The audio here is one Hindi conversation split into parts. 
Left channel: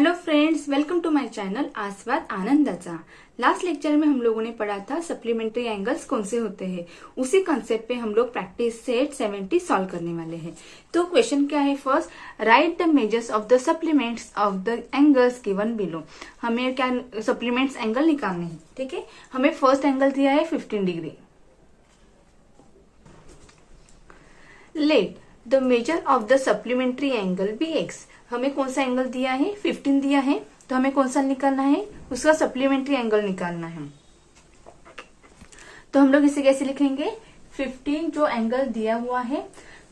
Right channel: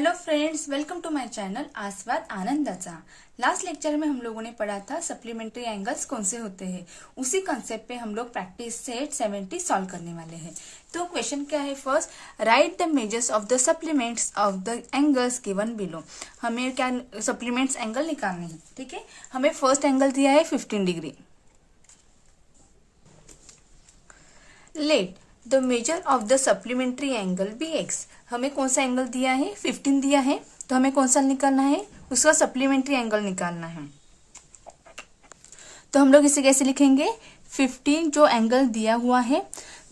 Hello friends, welcome to my channel Aaswad Anandacha. Last lecture में हम लोगों ने पढ़ा था सप्लीमेंट्री एंगल्स कौन से होते हैं। उसी कॉन्सेप्ट पे हम लोग प्रैक्टिस सेट 70 सॉल्व करने वाले हैं। तो क्वेश्चन क्या है, first right the measures of the supplements of the angles given below. हमें क्या सप्लीमेंट्स एंगल निकालने हैं, ठीक है। हमें फर्स्ट एंगल दिया है 15 degree. Let the measure of the supplementary angle be X. हमें कौन सा एंगल दिया है, 15 दिया है, तो हमें कौन सा निकालना है, उसका सप्लीमेंट्री एंगल निकालना है। तो हम लोग इसे कैसे लिखेंगे, 15 जो एंगल दिया हुआ है,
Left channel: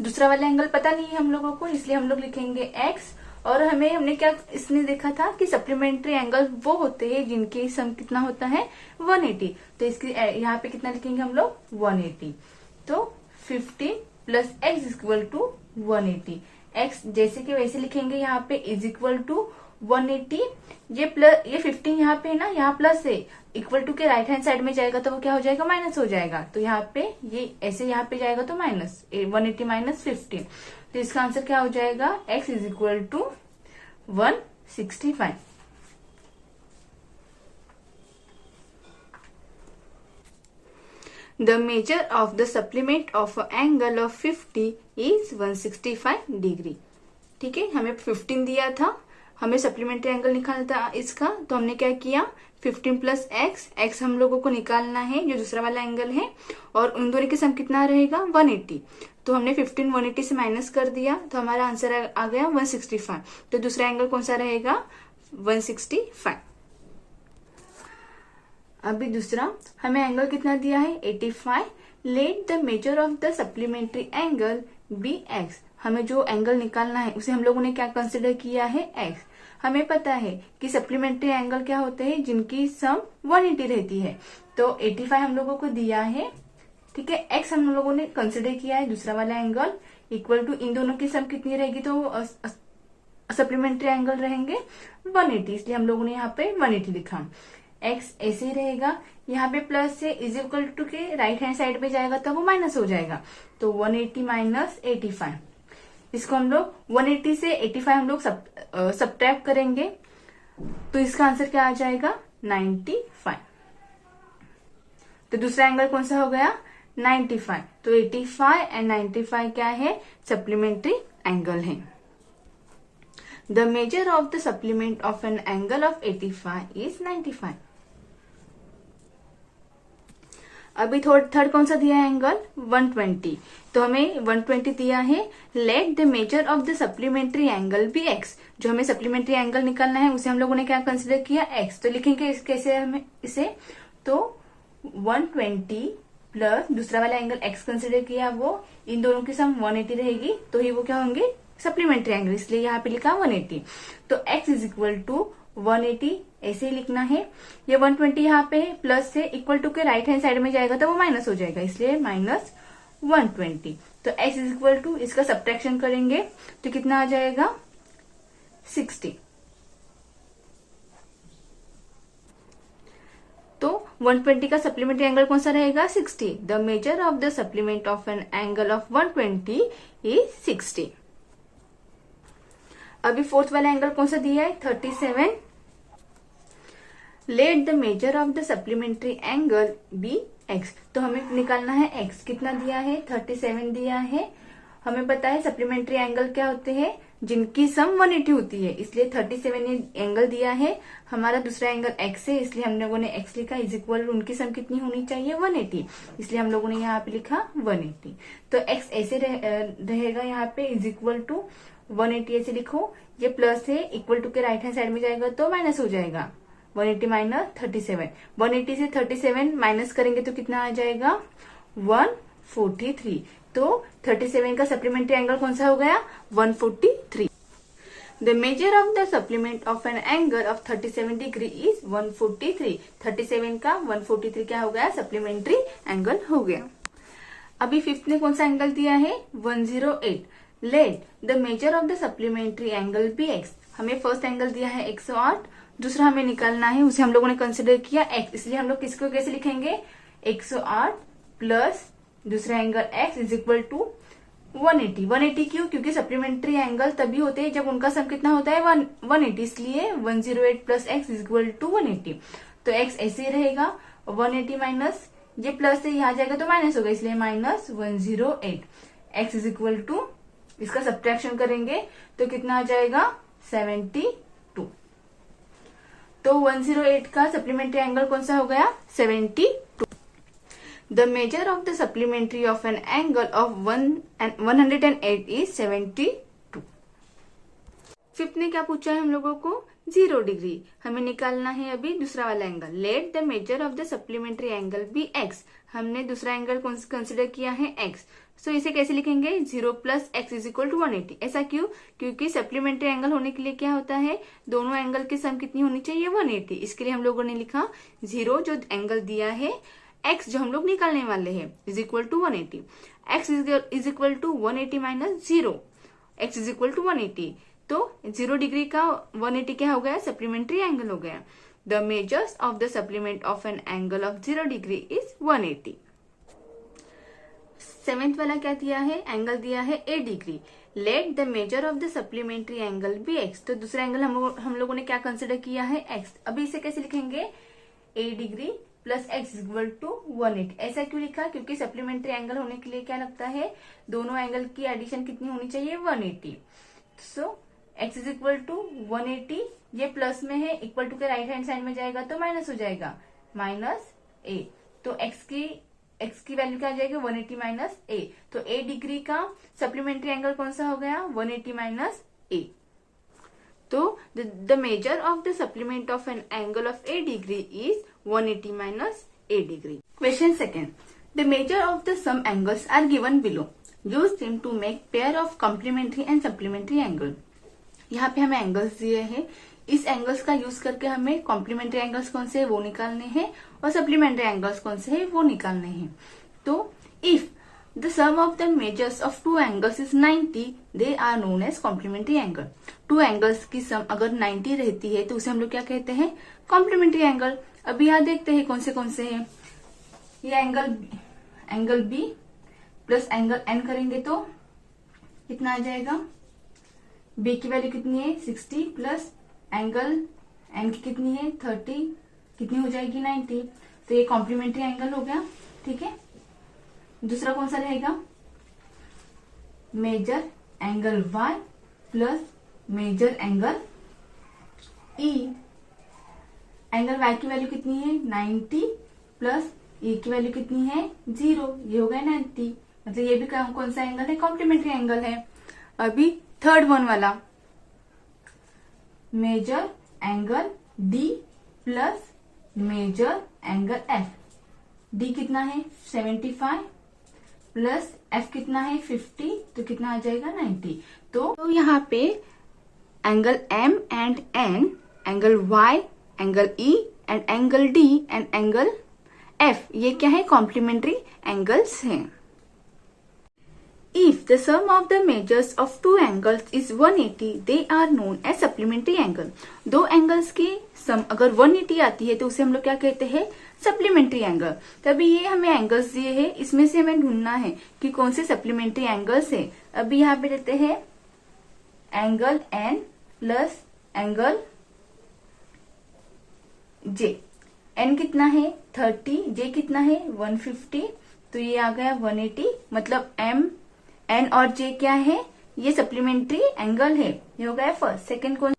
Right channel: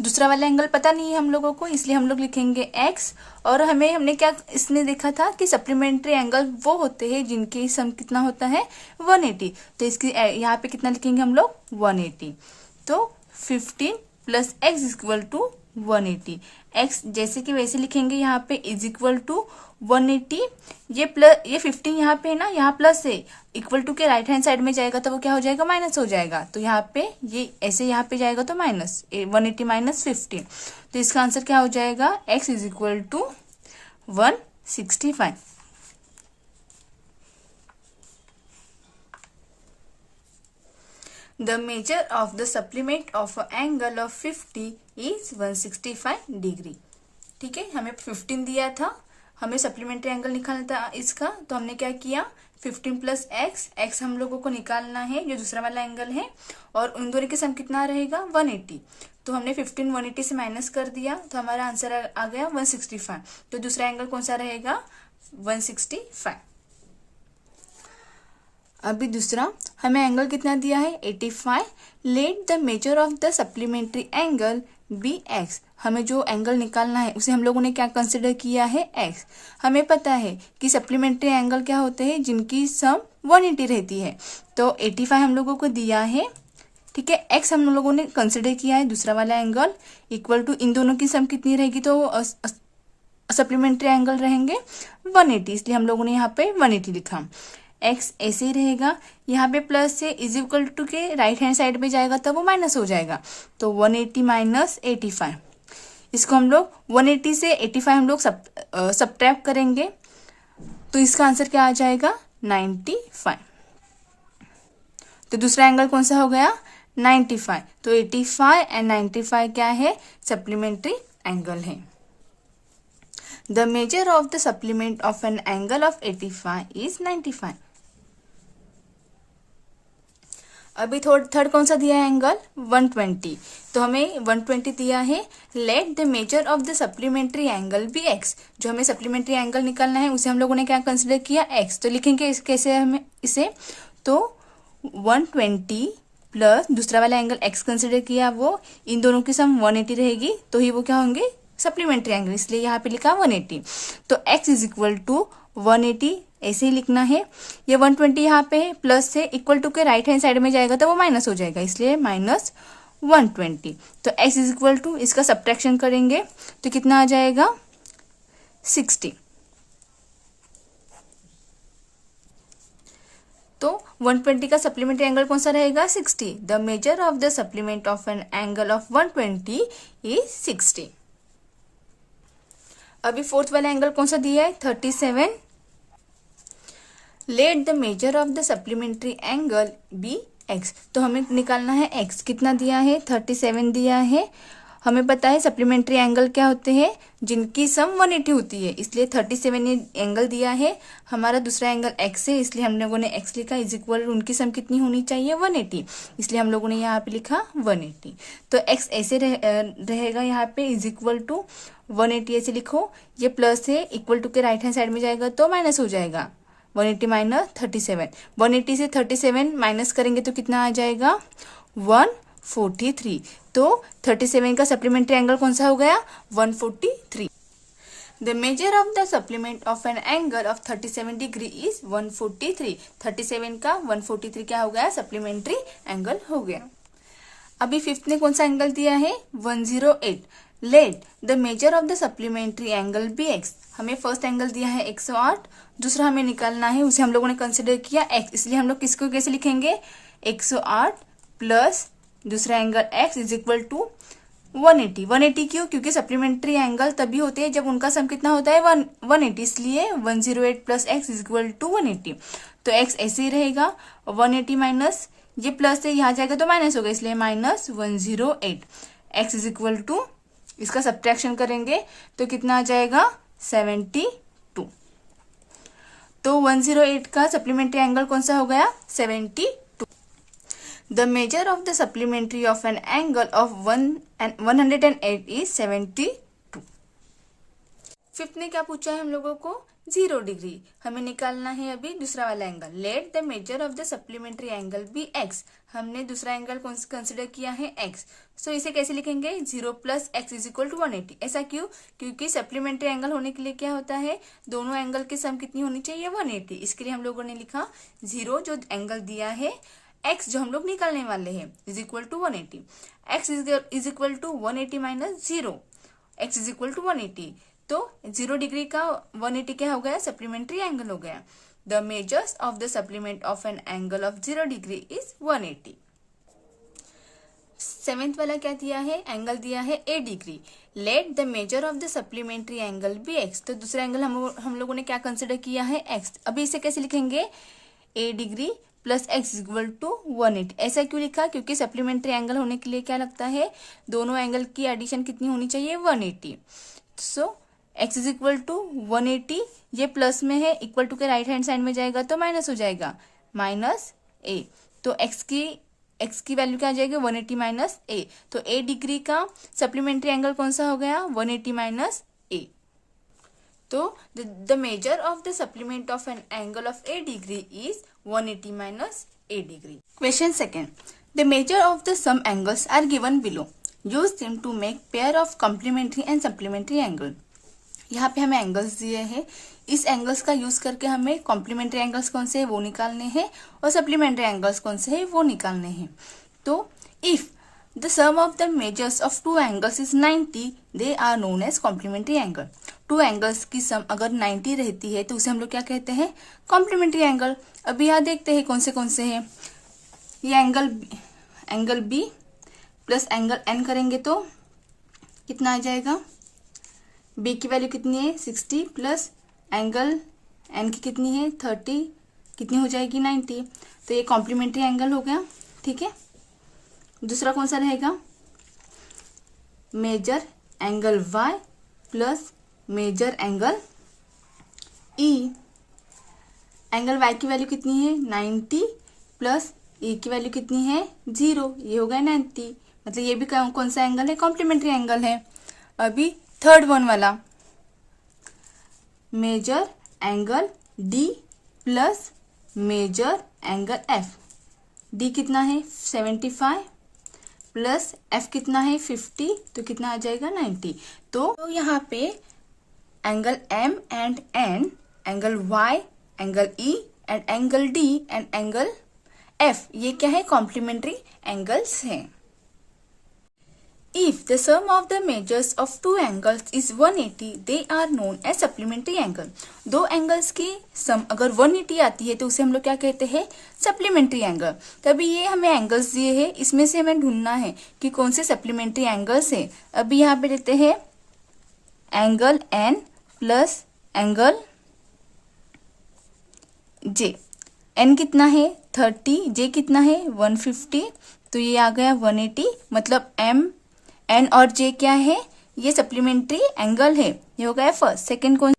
दूसरा वाला एंगल पता नहीं है हम लोगों को, इसलिए हम लोग लिखेंगे x। और हमने क्या इसने देखा था कि सप्लीमेंट्री एंगल वो होते हैं जिनकी सम कितना होता है 180। तो इसकी यहाँ पे कितना लिखेंगे हम लोग 180। तो 15 plus X equal to 180। X जैसे कि वैसे लिखेंगे, यहाँ पे इज इक्वल टू 180। ये 15 यहाँ पे है ना, यहाँ प्लस है, इक्वल टू के राइट हैंड साइड में जाएगा तो वो क्या हो जाएगा, माइनस हो जाएगा। तो यहाँ पे ये ऐसे यहाँ पे जाएगा तो माइनस 180 माइनस 15। तो इसका आंसर क्या हो जाएगा, X is equal to 165। The measure of the supplement of an angle of 50 is 165 degree. ठीक है, हमें 15 दिया था, हमें सप्लीमेंट्री एंगल निकालना था इसका। तो हमने क्या किया, 15 प्लस एक्स, एक्स हम लोगों को निकालना है जो दूसरा वाला एंगल है, और उन दोनों की सम कितना रहेगा 180। तो हमने 15 180 से माइनस कर दिया, तो हमारा आंसर आ गया 165। तो दूसरा एंगल कौन सा रहेगा, 165। अभी दूसरा हमें एंगल कितना दिया है 85। Let the measure of the supplementary angle be X. हमें जो एंगल निकालना है उसे हम लोगों ने क्या कंसिडर किया है, एक्स। हमें पता है कि सप्लीमेंट्री एंगल क्या होते हैं, जिनकी सम 180 रहती है। तो 85 हम लोगों को दिया है, ठीक है। एक्स हम लोगों ने कंसिडर किया है दूसरा वाला एंगल, इक्वल टू इन दोनों की सम कितनी रहेगी, तो सप्लीमेंट्री एंगल रहेंगे 180, इसलिए हम लोगों ने यहाँ पे 180 लिखा। एक्स ऐसे ही रहेगा, यहाँ पे प्लस से इज इक्वल टू के राइट हैंड साइड में जाएगा तब वो माइनस हो जाएगा। तो 180 माइनस 85, इसको हम लोग 180 से 85 हम लोग सब्ट्रैक्ट करेंगे, तो इसका आंसर क्या आ जाएगा 95। तो दूसरा एंगल कौन सा हो गया 95। तो 85 एंड 95 क्या है, सप्लीमेंट्री एंगल है। The measure of the supplement of an angle of 85 is 95। अभी थर्ड कौन सा दिया है एंगल 120। तो हमें 120 दिया है। Let the measure of the supplementary angle be X. जो हमें सप्लीमेंट्री एंगल निकालना है उसे हम लोगों ने क्या कंसिडर किया, एक्स। तो लिखेंगे कैसे हमें इसे, तो 120 प्लस दूसरा वाला एंगल एक्स कंसिडर किया, वो इन दोनों की सम 180 रहेगी, तो ही वो क्या होंगे सप्लीमेंट्री एंगल, इसलिए यहाँ पे लिखा 180। तो x इज इक्वल टू 180 ऐसे ही लिखना है। ये 120 यहाँ पे है, प्लस से इक्वल टू के राइट हैंड साइड में जाएगा तो वो माइनस हो जाएगा, इसलिए माइनस 120। तो x इज इक्वल टू, इसका सब्ट्रैक्शन करेंगे तो कितना आ जाएगा 60। तो 120 का सप्लीमेंट्री एंगल कौन सा रहेगा 60। The measure of the supplement of an angle of 120 is 60। अभी फोर्थ वाला एंगल कौन सा दिया है 37। Let the measure of the supplementary angle be X. तो हमें निकालना है एक्स, कितना दिया है 37 दिया है। हमें पता है सप्लीमेंट्री एंगल क्या होते हैं, जिनकी सम 180 होती है, इसलिए 37 एंगल दिया है। हमारा दूसरा एंगल एक्स है, इसलिए हम लोगों ने एक्स लिखा, इज इक्वल उनकी सम कितनी होनी चाहिए 180, इसलिए हम लोगों ने यहाँ पे लिखा 180। तो एक्स ऐसे रहेगा, यहाँ पे इज इक्वल टू 180 ऐसे लिखो। ये प्लस है, इक्वल टू के राइट हैंड साइड में जाएगा तो माइनस हो जाएगा, 180 माइनस 37। 180 से 37 माइनस करेंगे तो कितना आ जाएगा 143। तो 37 का सप्लीमेंट्री एंगल कौन सा हो गया 143। The measure of the supplement of an angle of 37 degree is 143। 37 का 143 क्या हो गया, सप्लीमेंट्री एंगल हो गया। अभी फिफ्थ ने कौन सा एंगल दिया है 108। Let the measure of the supplementary angle be X. हमें फर्स्ट एंगल दिया है 108, दूसरा हमें निकालना है, उसे हम लोगों ने कंसिडर किया एक्स, इसलिए हम लोग किसको कैसे लिखेंगे 108 प्लस दूसरा angle X is equal to 180 क्यों? क्योंकि सप्लीमेंट्री एंगल तभी होते हैं जब उनका सम कितना होता है 180, इसलिए 108 plus X is equal to 180। तो एक्स ऐसे ही रहेगा, 180 माइनस ये प्लस से यहाँ जाएगा तो माइनस होगा, इसलिए minus 108। X is equal to, इसका सब्ट्रैक्शन करेंगे तो कितना आ जाएगा 72। तो 108 का सप्लीमेंट्री एंगल कौन सा हो गया 72। The measure of the supplementary of an angle of 108 is 72। Fifth ने क्या पूछा है हम लोगों को 0 डिग्री। हमें निकालना है अभी दूसरा वाला angle. Let the measure of the supplementary angle be X. हमने दूसरा एंगल कंसिडर किया है एक्स, सो इसे कैसे लिखेंगे 0 plus X is equal to 180। ऐसा क्यों? क्योंकि सप्लीमेंट्री एंगल होने के लिए क्या होता है, दोनों एंगल की सम कितनी होनी चाहिए 180। इसके लिए हम लोगों ने लिखा 0 जो एंगल दिया है, x जो हम लोग निकालने वाले हैं is equal to 180। x is equal to 180 minus 0, x is equal to 180। तो 0 डिग्री का 180 क्या हो गया सप्लीमेंट्री एंगल हो गया। The measures of the supplement of an angle of 0 degree is 180। Seventh वाला क्या दिया है, एंगल दिया है a degree. Let the measure of the supplementary angle be x। तो दूसरा एंगल हम लोगों ने क्या कंसिडर किया है x। अभी इसे कैसे लिखेंगे a degree plus X equal to 180। ऐसा क्यों लिखा? क्योंकि सप्लीमेंट्री एंगल होने के लिए क्या लगता है, दोनों एंगल की एडिशन कितनी होनी चाहिए 180। सो एक्स इज इक्वल टू 180, ये प्लस में है, इक्वल टू के राइट हैंड साइड में जाएगा तो माइनस हो जाएगा, माइनस ए। तो एक्स की वैल्यू क्या आ जाएगी 180 माइनस ए। तो ए डिग्री का सप्लीमेंट्री एंगल कौन सा हो गया 180 माइनस ए। तो the measure of the supplement of an angle of A degree is 180 minus a degree. Question second. The measure of the some angles are given below. Use them to make pair of complementary and supplementary angle. यहाँ पे हमें एंगल्स दिए हैं, इस एंगल्स का यूज करके हमें कॉम्प्लीमेंट्री एंगल्स कौन से है वो निकालने हैं और सप्लीमेंट्री एंगल्स कौन से है वो निकालने हैं। तो if the sum of the measures of two angles is 90, they are known as complementary angle. Two angles की सम अगर 90 रहती है तो उसे हम लोग क्या कहते हैं कॉम्प्लीमेंट्री एंगल। अभी यहाँ देखते हैं कौन से हैं। ये angle B plus angle N करेंगे तो कितना आ जाएगा, बी की वैल्यू कितनी है 60 प्लस एंगल एन की कितनी है 30, कितनी हो जाएगी 90। तो ये कॉम्प्लीमेंट्री एंगल हो गया, ठीक है। दूसरा कौन सा रहेगा, measure angle Y plus measure angle E. Angle y की वैल्यू कितनी है 90 प्लस e की वैल्यू कितनी है 0, ये हो गया 90। मतलब ये भी कौन सा एंगल है कॉम्प्लीमेंट्री एंगल है। अभी थर्ड वन वाला measure angle d plus measure angle f। d कितना है 75 प्लस f कितना है 50, तो कितना आ जाएगा 90। तो यहाँ पे angle m and n, angle y, angle E and angle D and angle F, ये क्या है कॉम्प्लीमेंट्री एंगल्स हैं। If the sum of the measures of two angles is 180, they are known as supplementary angle. दो एंगल्स की सम अगर 180 आती है तो उसे हम लोग क्या कहते हैं सप्लीमेंट्री एंगल। तभी ये हमें एंगल्स दिए हैं, इसमें से हमें ढूंढना है कि कौन से सप्लीमेंट्री एंगल्स है। अभी यहाँ पे देते हैं angle N plus angle J। N कितना है 30, J कितना है 150, तो ये आ गया 180। मतलब M, N और J क्या है, ये सप्लीमेंट्री एंगल है। ये हो गया फर्स्ट। सेकंड कौन,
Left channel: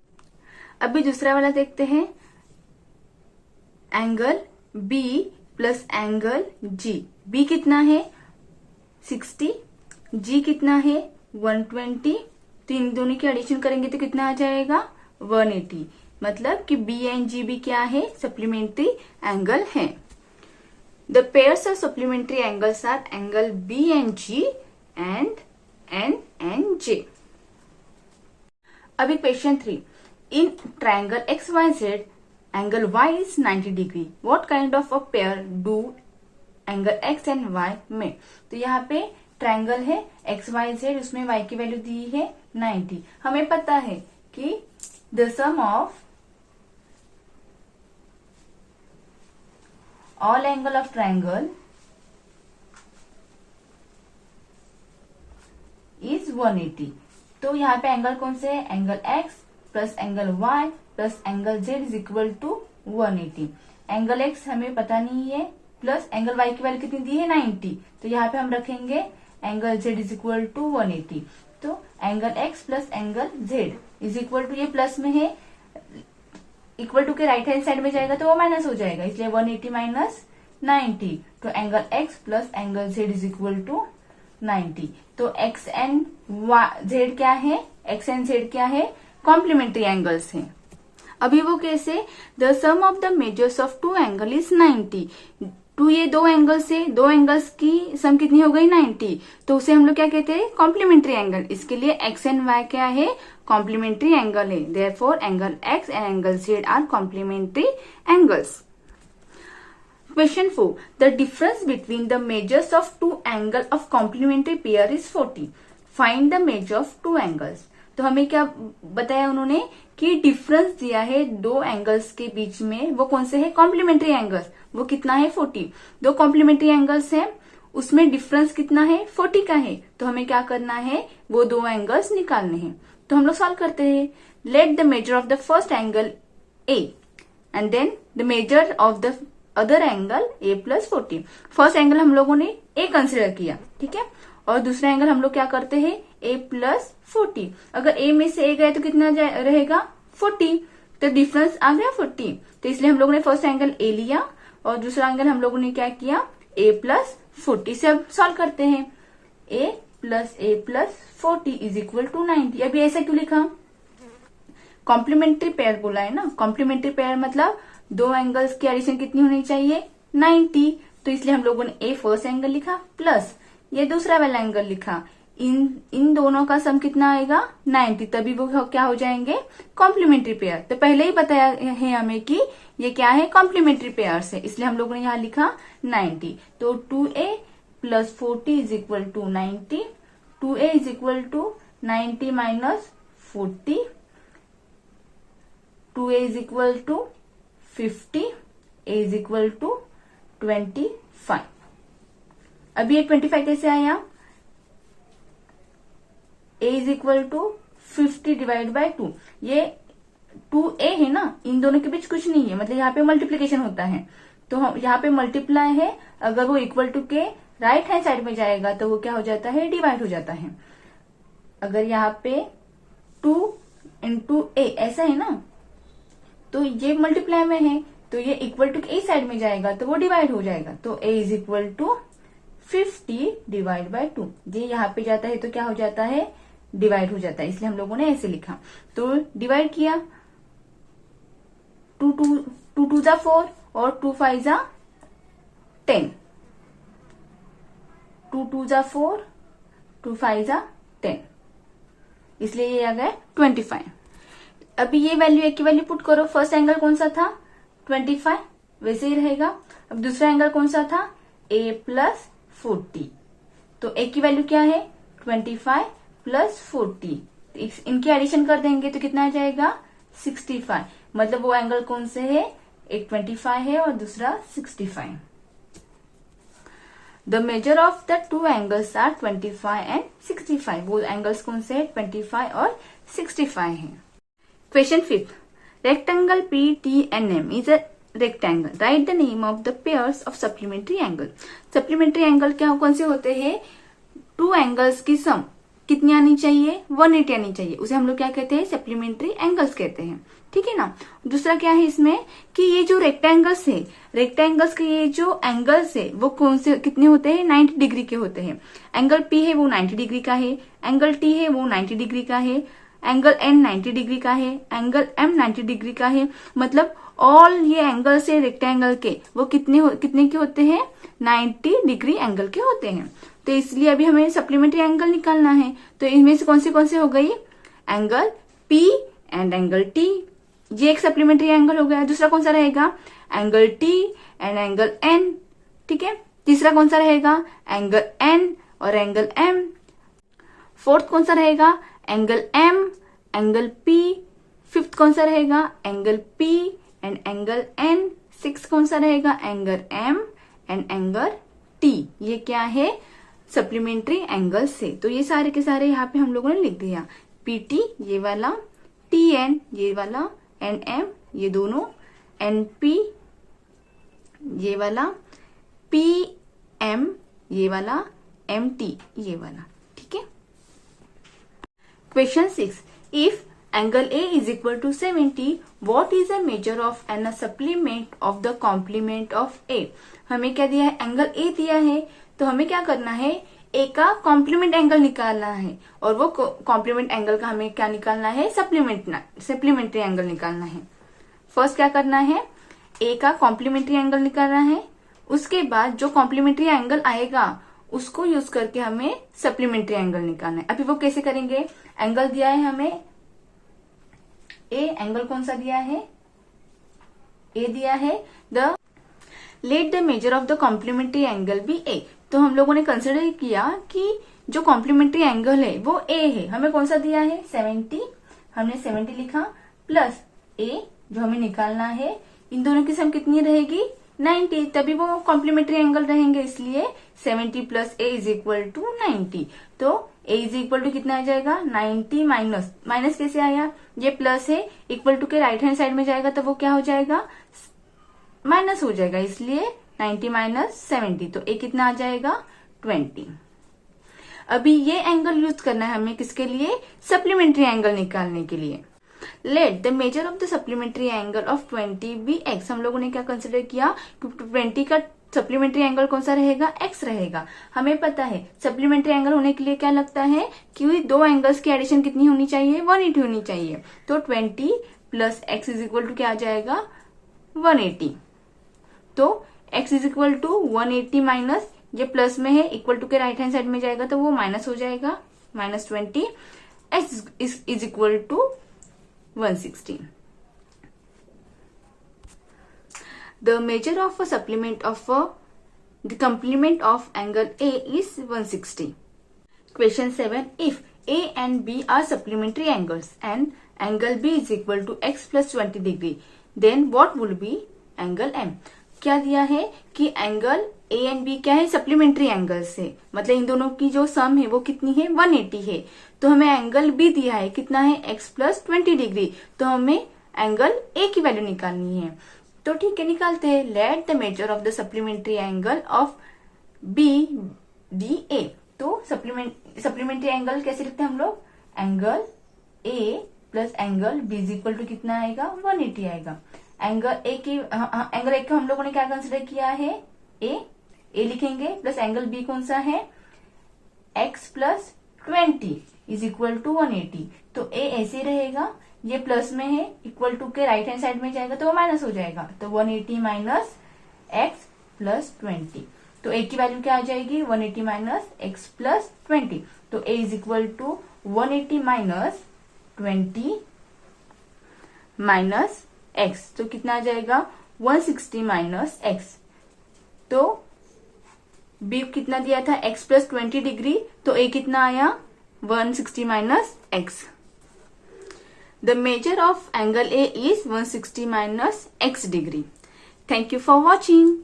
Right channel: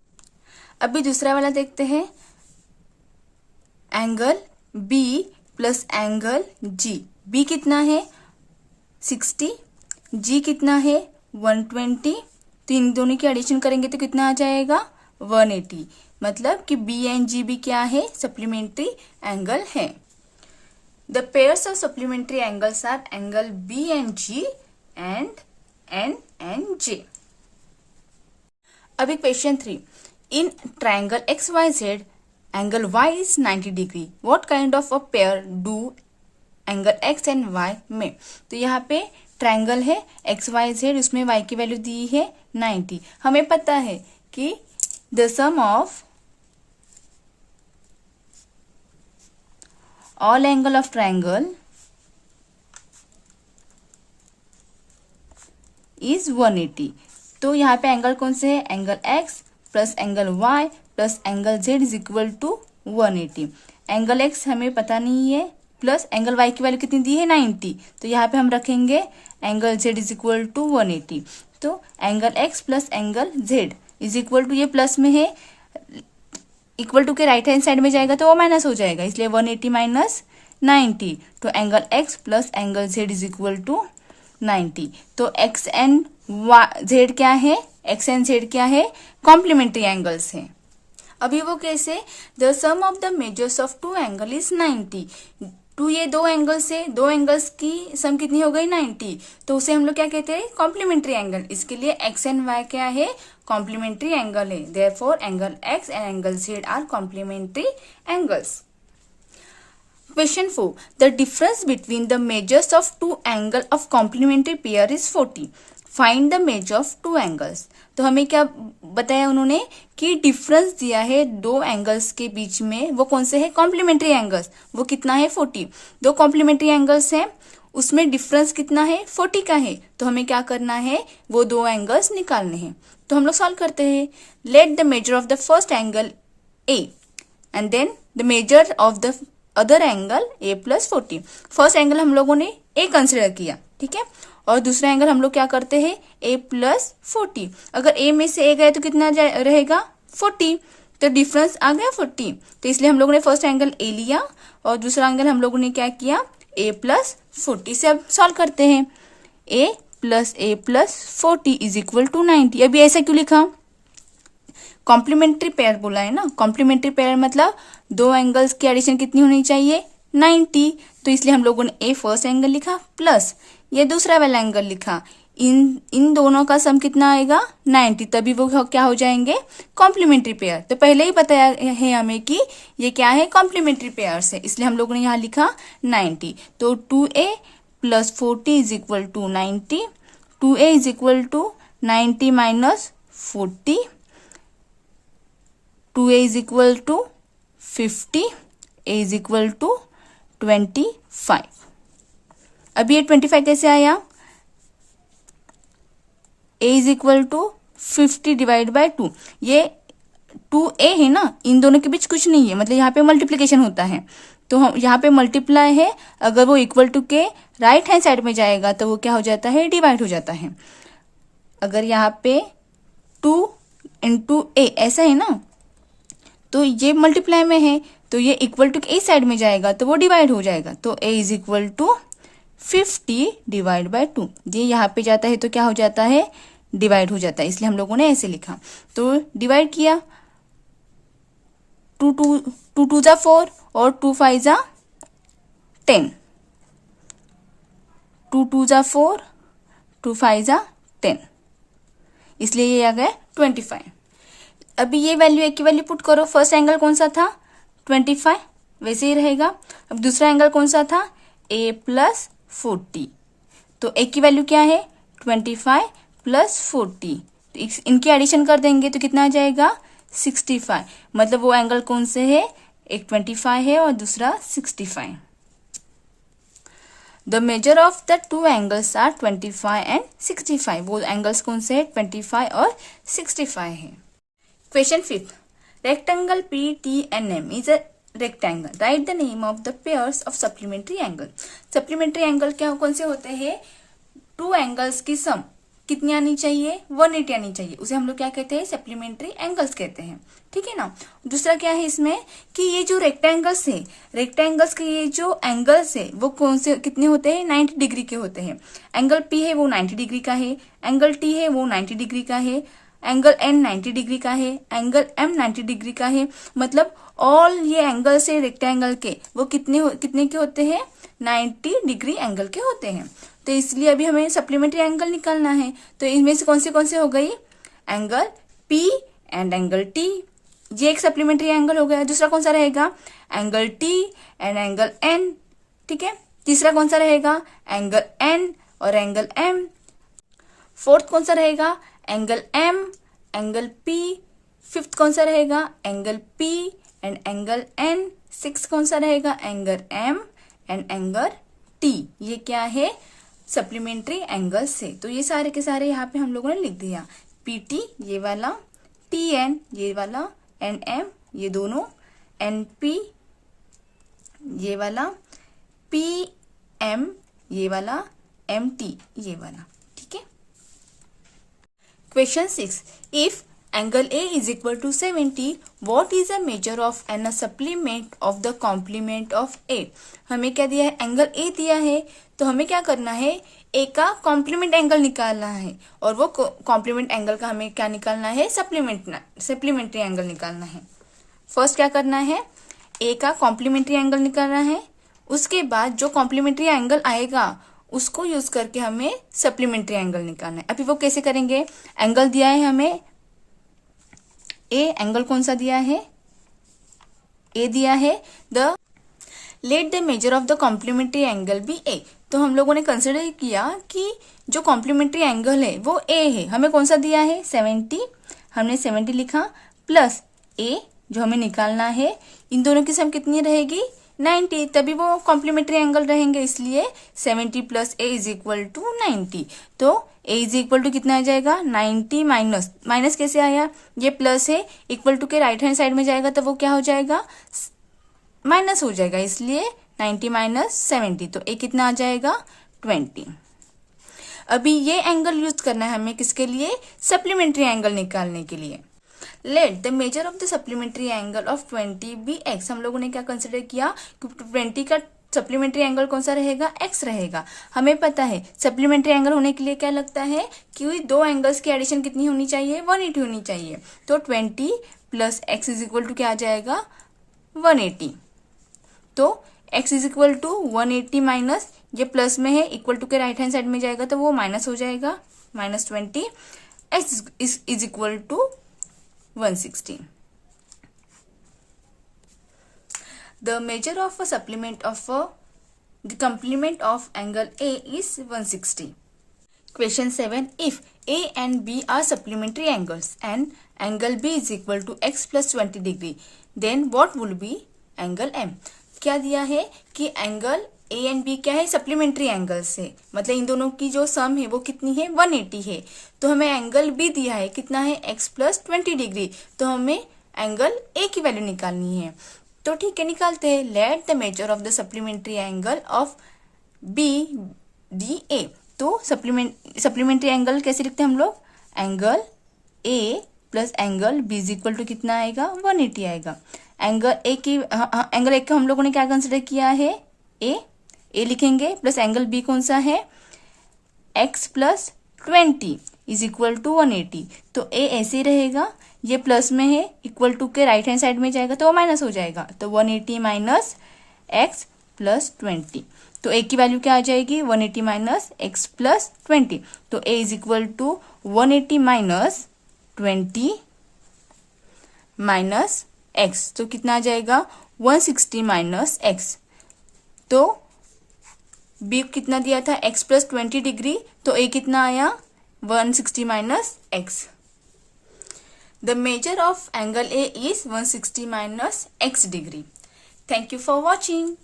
अभी दूसरा वाला देखते हैं angle B plus angle G। B कितना है 60, G कितना है 120, तो इन दोनों की एडिशन करेंगे तो कितना आ जाएगा 180। मतलब कि बी एंड जी भी क्या है सप्लीमेंट्री एंगल है। The pairs of supplementary angles are angle B and G and N and J. अभी question 3, in triangle X Y Z angle Y is 90 degree, what kind of a pair do angle X and Y में। तो यहाँ पे ट्राइंगल है एक्स वाई जेड, उसमें वाई की वैल्यू दी है 90। हमें पता है कि the sum of all angle of triangle is 180। तो यहाँ पे एंगल कौन से है, angle X plus angle Y plus angle Z is equal to 180। Angle X हमें पता नहीं है, प्लस एंगल वाई की वैल्यू कितनी दी है 90, तो यहाँ पे हम रखेंगे angle Z is equal to 180। तो angle X plus angle Z is equal to, ये प्लस में है, इक्वल टू के राइट हैंड साइड में जाएगा तो वो माइनस हो जाएगा, इसलिए 180 माइनस 90। तो angle X plus angle Z is equal to 90। तो एक्स एंड जेड क्या है, एक्स एंड जेड क्या है, कॉम्प्लीमेंट्री एंगल्स हैं। अभी वो कैसे, the sum of the measures of two angle is 90। Two, ये दो एंगल्स है, दो एंगल्स की सम कितनी हो गई 90, तो उसे हम लोग क्या कहते हैं, कॉम्प्लीमेंट्री एंगल। इसके लिए एक्स एंड वाई क्या है, कॉम्प्लीमेंट्री एंगल है, therefore angle X and angle Z are complementary angles. Question 4. The difference between the measures of two angle of complementary pair is 40. Find the measure of two angles. तो हमें क्या बताया उन्होंने कि डिफरेंस दिया है दो एंगल्स के बीच में, वो कौन से है, कॉम्प्लीमेंट्री एंगल्स। वो कितना है 40। दो कॉम्प्लीमेंट्री एंगल्स हैं, उसमें डिफरेंस कितना है 40 का है। तो हमें क्या करना है, वो दो एंगल्स निकालने हैं। तो हम लोग सॉल्व करते हैं। Let the measure of the first angle a and then the measure of the other angle a plus 40। First angle हम लोगों ने ए कंसिडर किया, ठीक है, और दूसरा एंगल हम लोग क्या करते हैं, ए प्लस 40। अगर ए में से ए गए तो कितना रहेगा 40, तो डिफरेंस आ गया 40। तो इसलिए हम लोगों ने फर्स्ट एंगल ए लिया और दूसरा एंगल हम लोगों ने क्या किया, ए प्लस 40 से अब सॉल्व करते हैं। ए प्लस 40 इज इक्वल टू 90। अभी ऐसा क्यों लिखा, कॉम्प्लीमेंट्री पेयर बोला है ना, कॉम्प्लीमेंट्री पेयर मतलब दो एंगल्स की एडिशन कितनी होनी चाहिए 90। तो इसलिए हम लोगों ने ए फर्स्ट एंगल लिखा प्लस ये दूसरा वाला एंगल लिखा, इन दोनों का सम कितना आएगा 90, तभी वो क्या हो जाएंगे, कॉम्प्लीमेंट्री पेयर। तो पहले ही बताया है हमें कि ये क्या है, कॉम्प्लीमेंट्री पेयर है, इसलिए हम लोगों ने यहाँ लिखा 90। तो 2a plus 40 is equal to 90। 2a is equal to 90 minus 40, 2a is equal to 50, a is equal to 25। अभी ये 25 कैसे आया, a is equal to 50 divide by 2। ये 2a है ना, इन दोनों के बीच कुछ नहीं है, मतलब यहाँ पे मल्टीप्लीकेशन होता है, तो हम यहाँ पे मल्टीप्लाई है, अगर वो इक्वल टू के राइट हैंड साइड में जाएगा तो वो क्या हो जाता है, डिवाइड हो जाता है। अगर यहाँ पे 2 इंटू ए ऐसा है ना, तो ये मल्टीप्लाई में है, तो ये इक्वल टू ए साइड में जाएगा तो वो डिवाइड हो जाएगा। तो a is equal to 50 divide by 2। ये यहाँ पे जाता है तो क्या हो जाता है, डिवाइड हो जाता है, इसलिए हम लोगों ने ऐसे लिखा। तो डिवाइड किया, 2 2 जा 4 और 2 5 जा 10, 2 2 जा 4, 2 5 जा 10, इसलिए ये आ गया 25। अभी ये वैल्यू एक की वैल्यू पुट करो, फर्स्ट एंगल कौन सा था 25, वैसे ही रहेगा। अब दूसरा एंगल कौन सा था, a प्लस 40, तो a की वैल्यू क्या है 25 प्लस 40, इनकी एडिशन कर देंगे तो कितना आ जाएगा 65। मतलब वो एंगल कौन से है, एक 25 है और दूसरा 65। The measure of the two angles are 25 and 65। वो एंगल्स कौन से है 25 और 65 है। Question 5. Rectangle PTNM is a rectangle. Write the name of the pairs of supplementary angle. Supplementary angle क्या कौन से होते हैं, टू एंगल्स की सम कितनी आनी चाहिए 180 आनी चाहिए, उसे हम लोग क्या कहते हैं, सप्लीमेंट्री एंगल्स कहते हैं, ठीक है ना। दूसरा क्या है इसमें कि ये जो रेक्टेंगल्स है, रेक्टेंगल्स के ये जो एंगल्स है वो कौन से कितने होते हैं 90 डिग्री के होते हैं। एंगल P है वो 90 डिग्री का है, एंगल T है वो 90 डिग्री का है, एंगल N 90 डिग्री का है, एंगल M 90 डिग्री का है। मतलब ऑल ये एंगल्स है रेक्टेंगल के वो कितने के होते हैं 90 डिग्री एंगल के होते हैं। तो इसलिए अभी हमें सप्लीमेंट्री एंगल निकालना है। तो इनमें से कौन से हो गई, angle P and angle T, ये एक सप्लीमेंट्री एंगल हो गया। दूसरा कौन सा रहेगा, angle T and angle N, ठीक है। तीसरा कौन सा रहेगा, एंगल N और एंगल M। फोर्थ कौन सा रहेगा, angle M angle P। Fifth कौन सा रहेगा, angle P and angle N। Six कौन सा रहेगा, angle M and angle T। ये क्या है सप्लीमेंट्री एंगल से। तो ये सारे के सारे यहाँ पे हम लोगों ने लिख दिया, PT ये वाला, TN ये वाला, NM ये दोनों, NP ये वाला, PM ये वाला, MT ये वाला। ठीक है। Question 6, if angle A is equal to 70, what is the measure of and a supplement of the complement of A? हमें क्या दिया है, एंगल A दिया है, तो हमें क्या करना है, A का कॉम्प्लीमेंट एंगल निकालना है, और वो कॉम्प्लीमेंट एंगल का हमें क्या निकालना है, सप्लीमेंट्री एंगल निकालना है। फर्स्ट क्या करना है, A का कॉम्प्लीमेंट्री एंगल निकालना है, उसके बाद जो कॉम्प्लीमेंट्री एंगल आएगा उसको यूज करके हमें सप्लीमेंट्री एंगल निकालना है। अभी वो कैसे करेंगे, एंगल दिया है हमें A, एंगल कौन सा दिया है, A दिया है, let the measure of the complementary angle be A। तो हम लोगों ने कंसिडर किया कि जो कॉम्प्लीमेंट्री एंगल है वो A है, हमें कौन सा दिया है 70, हमने 70 लिखा, प्लस A जो हमें निकालना है, इन दोनों की सम कितनी रहेगी 90, तभी वो कॉम्प्लीमेंट्री एंगल रहेंगे, इसलिए 70 plus A is equal to 90। तो A इज इक्वल टू कितना आ जाएगा 90 माइनस कैसे आया, ये प्लस है, इक्वल टू के राइट हैंड साइड में जाएगा तो वो क्या हो जाएगा माइनस हो जाएगा, इसलिए 90 माइनस 70, तो A कितना आ जाएगा 20। अभी ये एंगल यूज करना है हमें किसके लिए, सप्लीमेंट्री एंगल निकालने के लिए। Let the measure of the supplementary angle of 20 be X। हम लोगों ने क्या कंसिडर किया कि 20 का सप्लीमेंट्री एंगल कौन सा रहेगा, X रहेगा। हमें पता है सप्लीमेंट्री एंगल होने के लिए क्या लगता है कि दो एंगल्स की एडिशन कितनी होनी चाहिए, 180 होनी चाहिए। तो 20 plus X is equal to क्या आ जाएगा 180। तो X is equal to 180 minus, ये प्लस में है, इक्वल टू के राइट हैंड साइड में जाएगा तो वो माइनस हो जाएगा, -20, X is equal to 160। The measure of a supplement of the complement of angle A is 160. Question 7. If A and B are supplementary angles and angle B is equal to x plus 20 degree, then what will be angle M? क्या दिया है कि एंगल A एंड B क्या है, सप्लीमेंट्री एंगल से, मतलब इन दोनों की जो सम है वो कितनी है 180 है। तो हमें एंगल B दिया है कितना है x प्लस 20 डिग्री, तो हमें एंगल A की वैल्यू निकालनी है। तो ठीक है निकालते हैं, let the measure of the supplementary angle of BDA। तो सप्लीमेंट्री एंगल कैसे लिखते हैं हम लोग, angle A plus angle B is equal to कितना आएगा 180 आएगा। एंगल A की एंगल A का हम लोगों ने क्या कंसिडर किया है A लिखेंगे, प्लस एंगल B कौन सा है x plus 20 is equal to 180। तो A ऐसे रहेगा, ये प्लस में है, इक्वल टू के राइट हैंड साइड में जाएगा तो वो माइनस हो जाएगा, तो 180 माइनस x प्लस 20। तो A की वैल्यू क्या आ जाएगी 180 माइनस x प्लस 20। तो A is equal to 180 minus 20 minus x, तो कितना आ जाएगा 160 माइनस x। तो B कितना दिया था x प्लस 20 डिग्री, तो A कितना आया 160 minus x। The measure of angle A is 160 minus x degree. Thank you for watching.